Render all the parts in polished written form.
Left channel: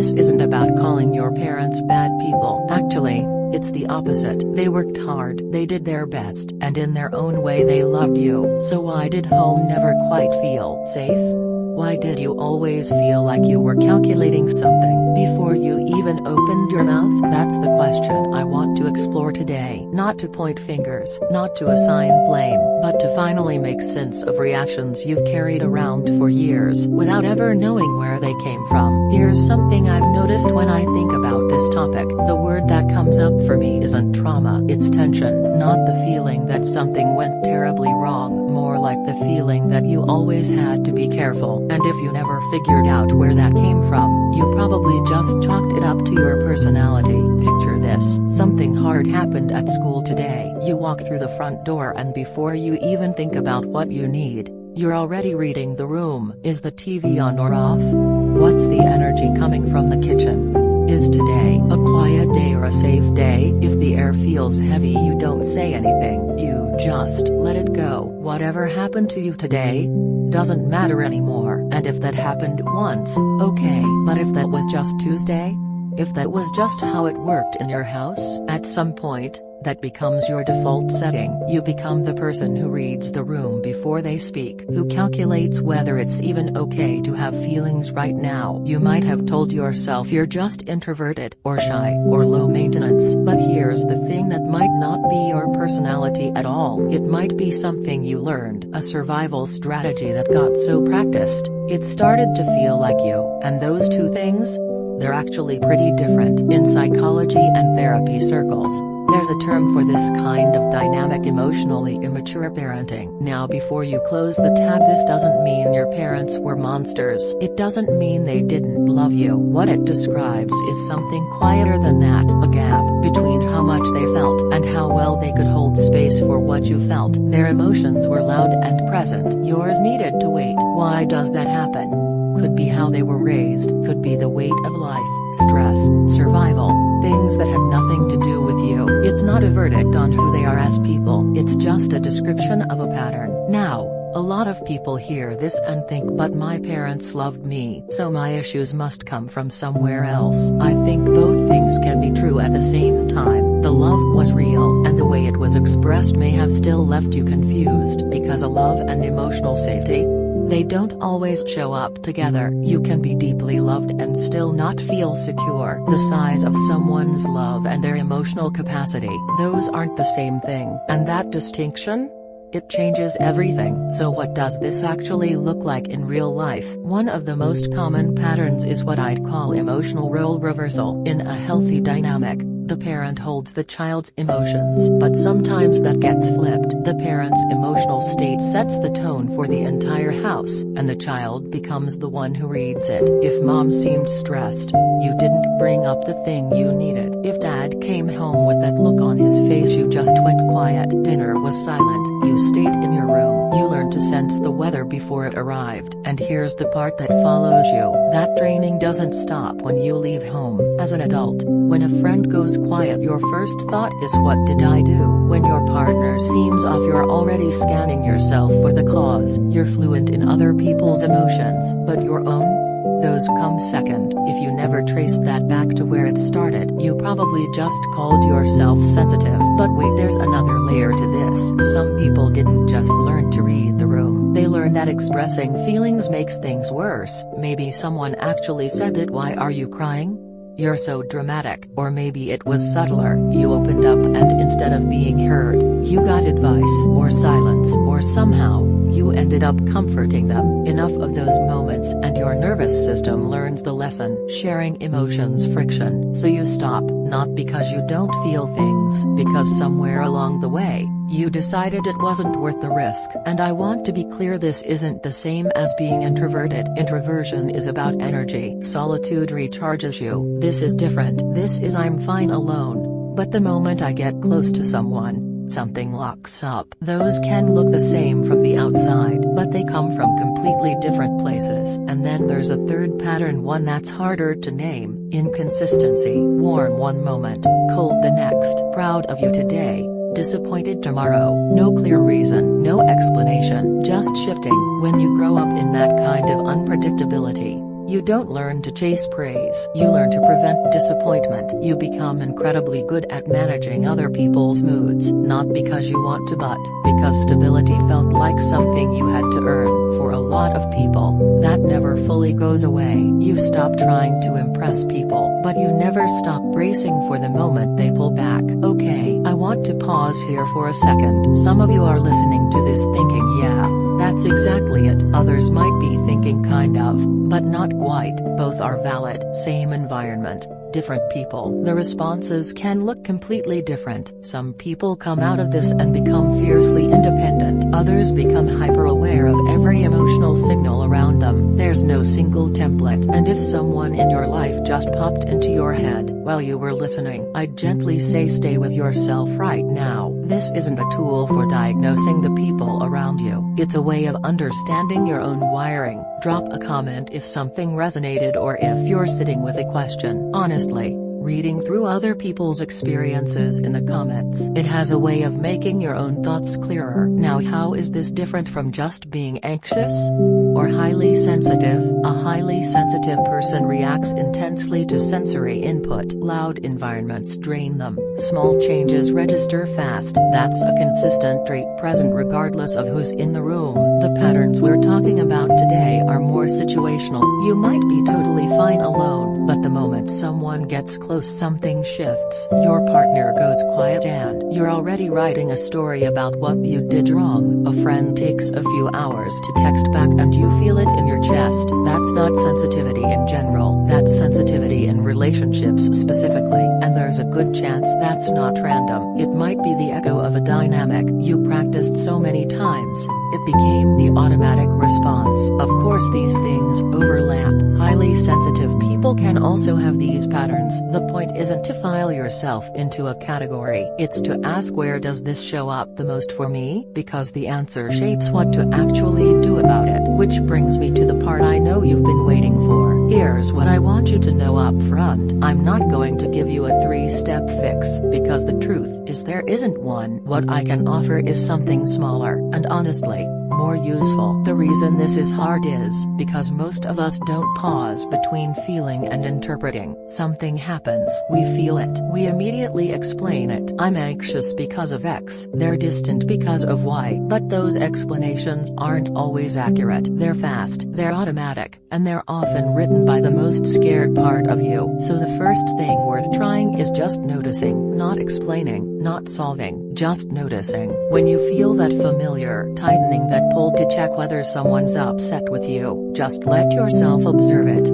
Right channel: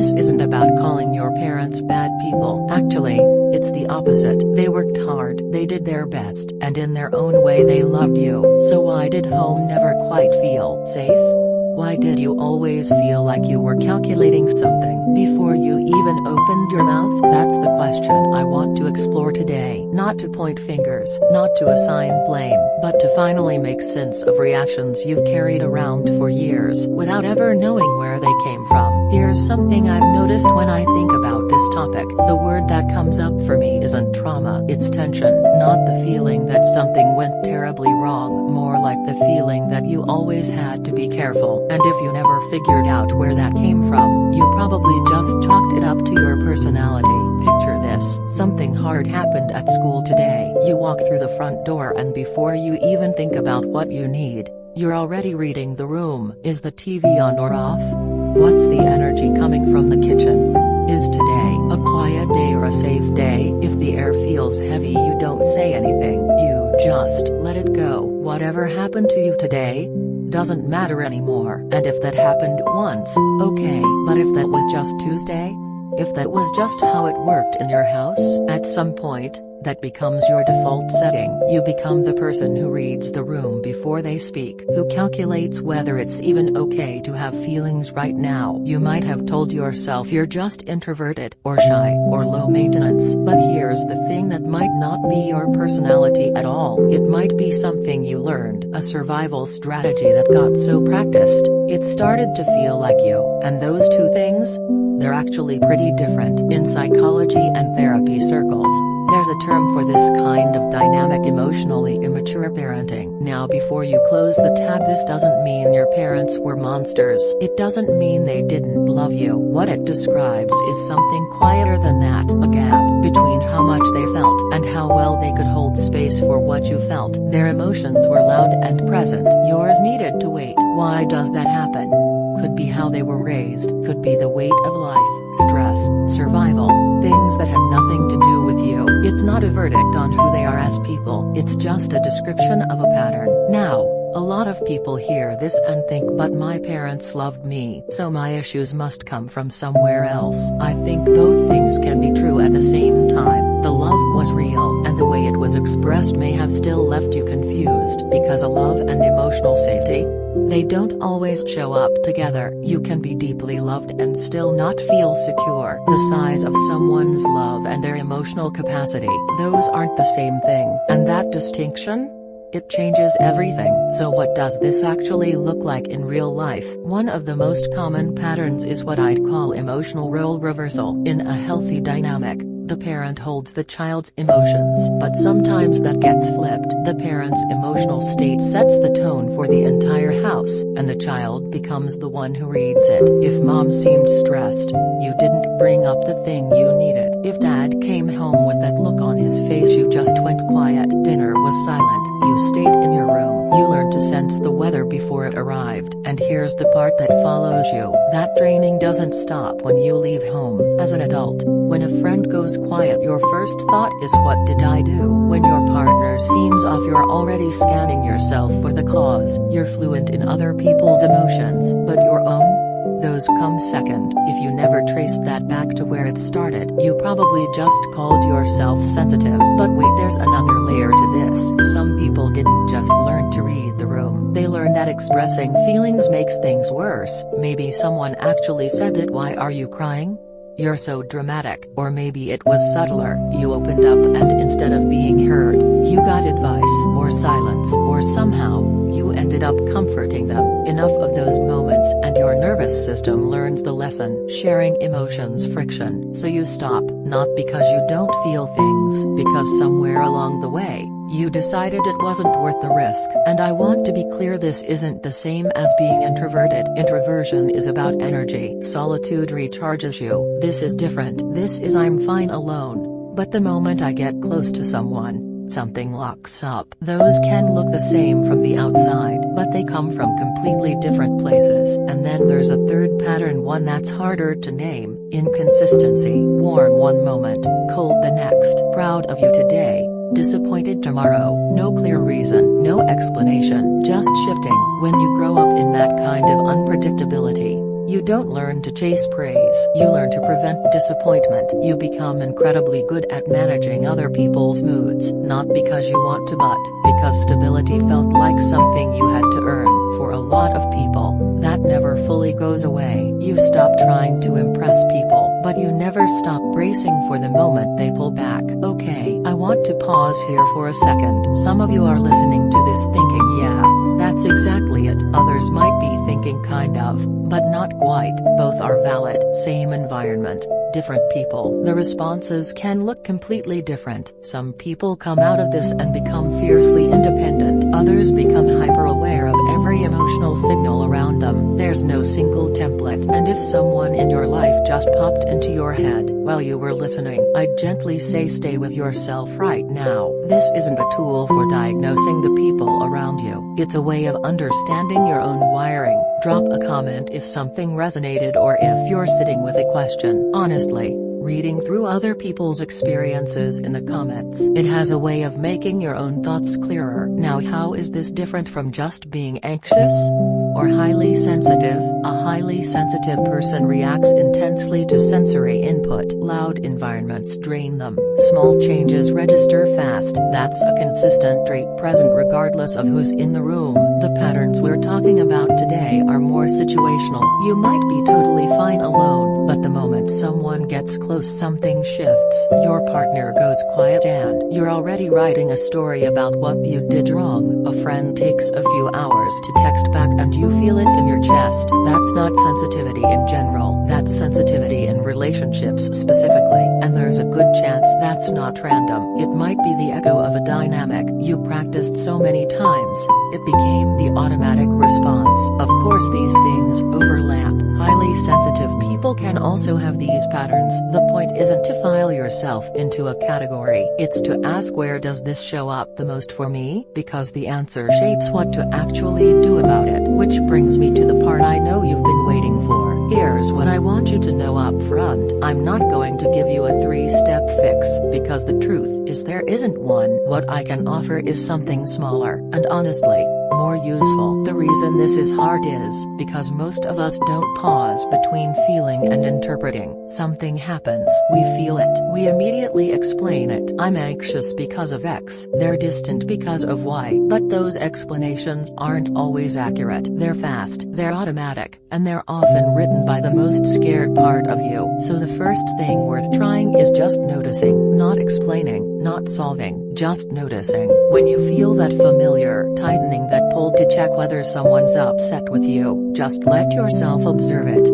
this isn't about calling your parents bad people. Actually, it's the opposite. They worked hard, they did their best, and in their own way they loved you. So why did home never quite feel safe? Why did you always feel like you were calculating something before you even opened your mouth? That's the question I want to explore today. Not to point fingers, not to assign blame, but to finally make sense of reactions you've carried around for years without ever knowing where they came from. Here's something I've noticed when I think about this topic. The word that comes up for me isn't trauma, it's tension. Not the feeling that something went terribly wrong, more like the feeling that you always had to be careful. And if you never figured out where that came from, you probably just chalked it up to your personality. Picture this: something hard happened at school today. You walk through the front door and before you even think about what you need, you're already reading the room. Is the TV on or off? What's the energy coming from the kitchen? Is today a quiet day or a safe day? If the air feels heavy, you don't say anything, you just let it go. Whatever happened to you today doesn't matter anymore. And if that happened once, okay. But if that was just Tuesday? If that was just how it worked in your house? At some point, that becomes your default setting. You become the person who reads the room before they speak, who calculates whether it's even okay to have feelings right now. You might have told yourself you're just introverted, or shy, or low maintenance. But here's the thing: that might not be your personality at all. It might be something you learned, a survival strategy that got so practiced, it started to feel like you. And those two things? They're actually pretty different. In psychology and therapy circles, there's a term for this kind of dynamic: emotionally immature parenting. Now, before you close the tab, this doesn't mean your parents were monsters. It doesn't mean they didn't love you. What it describes is something quieter than that: a gap between how much they felt and how well they could hold space for what you felt. Their emotions were loud and present. Yours needed to wait. Why does that happen? Could be how they were raised, could be the weight of life, stress, survival, things that had nothing to do with you. It's not a verdict on who they are as people, it's just a description of a pattern. Now, a lot of people hear this and think, but my parents loved me, so my issues must come from somewhere else. I think both things can be true at the same time. The love was real, and the way it was expressed may have still left you confused, because a love and emotional safety, they don't always show up together. You can be deeply loved and still not feel secure. The size of someone's love and their emotional capacity, those aren't the same thing. And that distinction? It changes everything. So what does this actually look like in real life? One of the most common patterns is what I'd call emotional role reversal. In a healthy dynamic, the parent holds the child's emotions, but sometimes that gets flipped. The parent's emotional state sets the tone for the entire house, and the child becomes the one who reads it. If mom seemed stressed, you didn't bring up the thing you needed. If dad came home with that look on his face, you just went quiet. Dinner was silent, you stayed in your room. You learned to sense the weather before it arrived. And here's the part that follows you: that training doesn't stop when you leave home. As an adult, when a friend goes quiet, your first thought is, what did I do? When your partner seems off, you're already scanning yourself for the cause. You're fluent in other people's emotions, but your own? Those come second. If you never traced that back to where it started, you probably just called yourself sensitive. But wait, there's another layer to this. Some people didn't just learn to read the room. They learned that expressing feelings makes things worse. Maybe someone actually said that, "Why are you crying? You're so dramatic." Or maybe it was subtler. You opened up and instead of being heard, you got advice, or silence, or somehow, you ended up comforting them. Enough of those moments and your nervous system learns the lesson: sharing emotions friction. So you stop, not because you don't feel things, because somewhere along the way, you decided it wasn't worth the risk. And I want to be clear, this isn't the same as being introverted. Introversion is about energy. Solitude recharges you. This is different. This is, I'm fine alone, but the moment I get close to someone, something locks up. Those can look the same from the outside, but they come from completely different places. And then there's a third pattern, one that's harder to name: inconsistency. Warm one moment, cold the next. Proud of you today, disappointed tomorrow. No clear reason, no explanation, just shifting. When you grow up in that kind of unpredictability, You don't learn to chase praise. You learn to prevent disappointment. You become incredibly good at managing other people's moods, not because you want to but because stability felt like something you had to earn. For a lot of people, that never fully goes away. You stop trying to impress people, but you never stop bracing for the moment they pull back. Okay, I want to pause here for a second. Some of you are listening to this thinking, yeah, that's exactly it. Others might be thinking kind of, but not quite. Both are valid. Same environment, different people. The responses can look completely different. Some people come out of this and become fiercely independent. Others become hyper-aware of every emotional signal around them. There's no single template. And if someone in your life just popped into your head while you were listening, I'd gently say stay with yourself right now. This isn't a tool for diagnosing the people around you. It's a way of understanding your own wiring. Drop a comment if something resonated or if you're sitting with a question. Honestly, reading through other people's experiences in the comments, it has a way of making your own thoughts clearer. Now, how is this different from just being anxious or highly sensitive? A highly sensitive person reacts intensely to sensory input. Loud environments drain them. Small changes register fast. That's a consistent trait present regardless of who's in the room. The patterns we're talking about today are more situational. You might be totally fine alone, but the moment someone gets close, something shifts. Your partner goes quiet and you're already writing a story about what you did wrong. A friend takes a few hours to text back and you feel it in your chest. That's not sensitivity in general. That's sensitivity in relationships specifically. And there's a good chance that's not random. It might be the echo of a dynamic you practiced so many times, it became the automatic response. Of course, these things overlap. Highly sensitive people can also have these patterns. The point isn't to file yourself into a category. It's to ask, where does this show up the most for me? Because the answer shapes what to actually do about it. Which brings me to the part I know you've been waiting for. Here's what I want you to know up front. I'm not going to give you a 3-step fix, because the truth is there isn't one. What I can offer is something smaller, and honestly, more useful. The reason this is hard is because most of us don't pause between feeling and interpreting. Something happens, we feel it, we immediately explain it. I'm anxious because of X. They're distant because of Y. But those explanations aren't always accurate. They're fast, they're automatic, and they're often written by the most scared part of you. So the first thing worth trying is just noticing, not explaining, not solving, just noticing. When you feel that familiar tightening, that pull to check whether someone's upset with you, just let yourself observe it.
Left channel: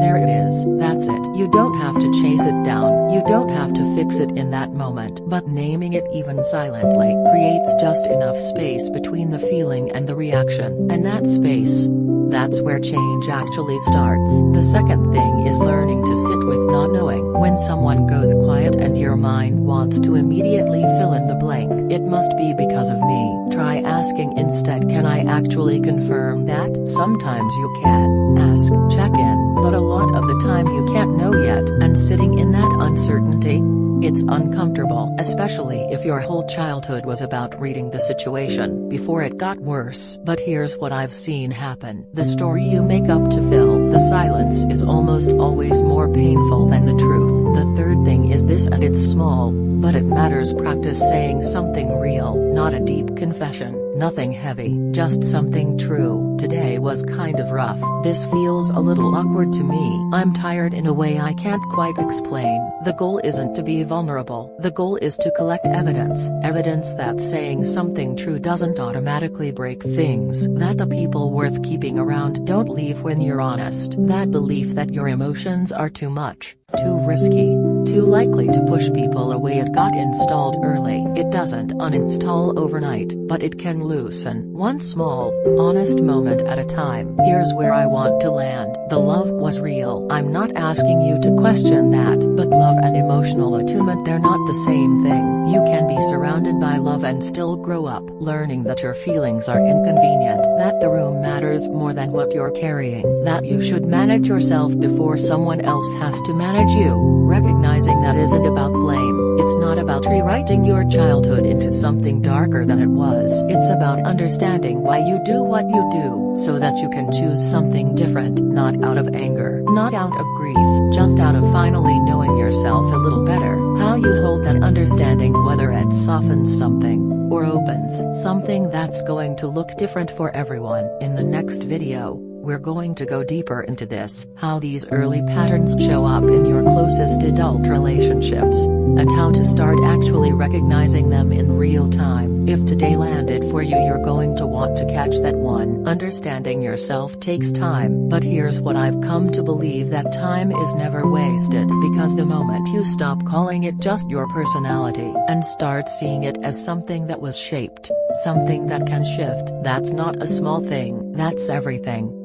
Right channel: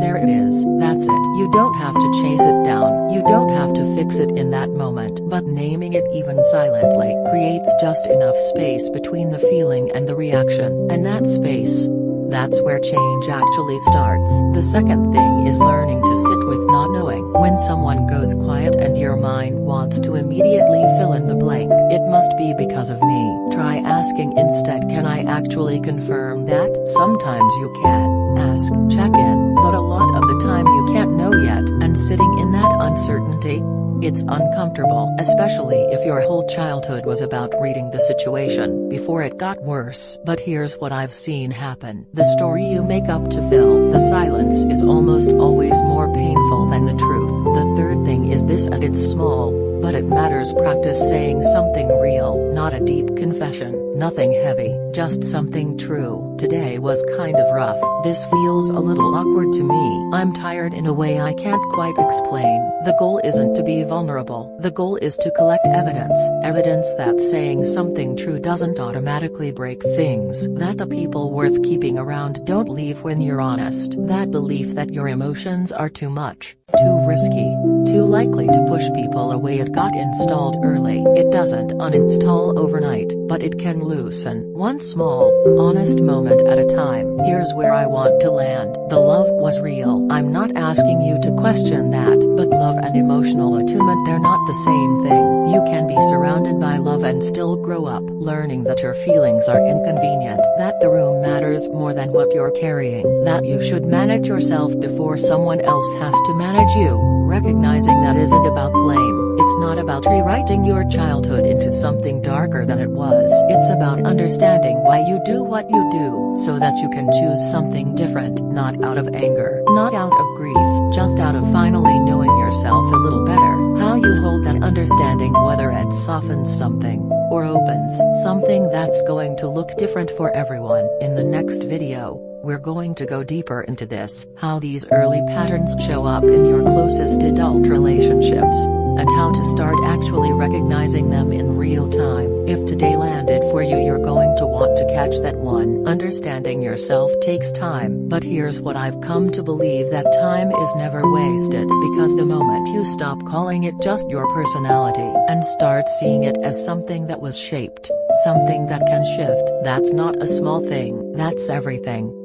There it is. That's it. You don't have to chase it down. You don't have to fix it in that moment. But naming it, even silently, creates just enough space between the feeling and the reaction. And that space, that's where change actually starts. The second thing is learning to sit with not knowing. When someone goes quiet and your mind wants to immediately fill in the blank, it must be because of me. Try asking instead, can I actually confirm that? Sometimes you can. Ask, check in, but a lot of the time you can't know yet. And sitting in that uncertainty, it's uncomfortable, especially if your whole childhood was about reading the situation before it got worse. But here's what I've seen happen. The story you make up to fill the silence is almost always more painful than the truth. The third thing is this, and it's small, but it matters. Practice saying something real, not a deep confession, nothing heavy, just something true. Today was kind of rough. This feels a little awkward to me. I'm tired in a way I can't quite explain. The goal isn't to be vulnerable. The goal is to collect evidence. Evidence that saying something true doesn't automatically break things. That the people worth keeping around don't leave when you're honest. That belief that your emotions are too much, too risky, too likely to push people away, it got installed early. It doesn't uninstall overnight, but it can loosen, one small, honest moment at a time. Here's where I want to land. The love was real. I'm not asking you to question that, but love and emotional attunement, they're not the same thing. You can be surrounded by love and still grow up, learning that your feelings are inconvenient, that the room matters more than what you're carrying, that you should manage yourself before someone else has to manage you. Recognizing that isn't about blame, It's not about rewriting your childhood into something darker than it was. It's about understanding why you do what you do, so that you can choose something different, not out of anger, not out of grief, just out of finally knowing yourself a little better. How you hold that understanding, whether it softens something, or opens something that's going to look different for everyone. In the next video, we're going to go deeper into this, how these early patterns show up in your closest adult relationships, and how to start actually recognizing them in real time. If today landed for you, you're going to want to catch that one. Understanding yourself takes time, but here's what I've come to believe: that time is never wasted, because the moment you stop calling it just your personality and start seeing it as something that was shaped, something that can shift, that's not a small thing, that's everything.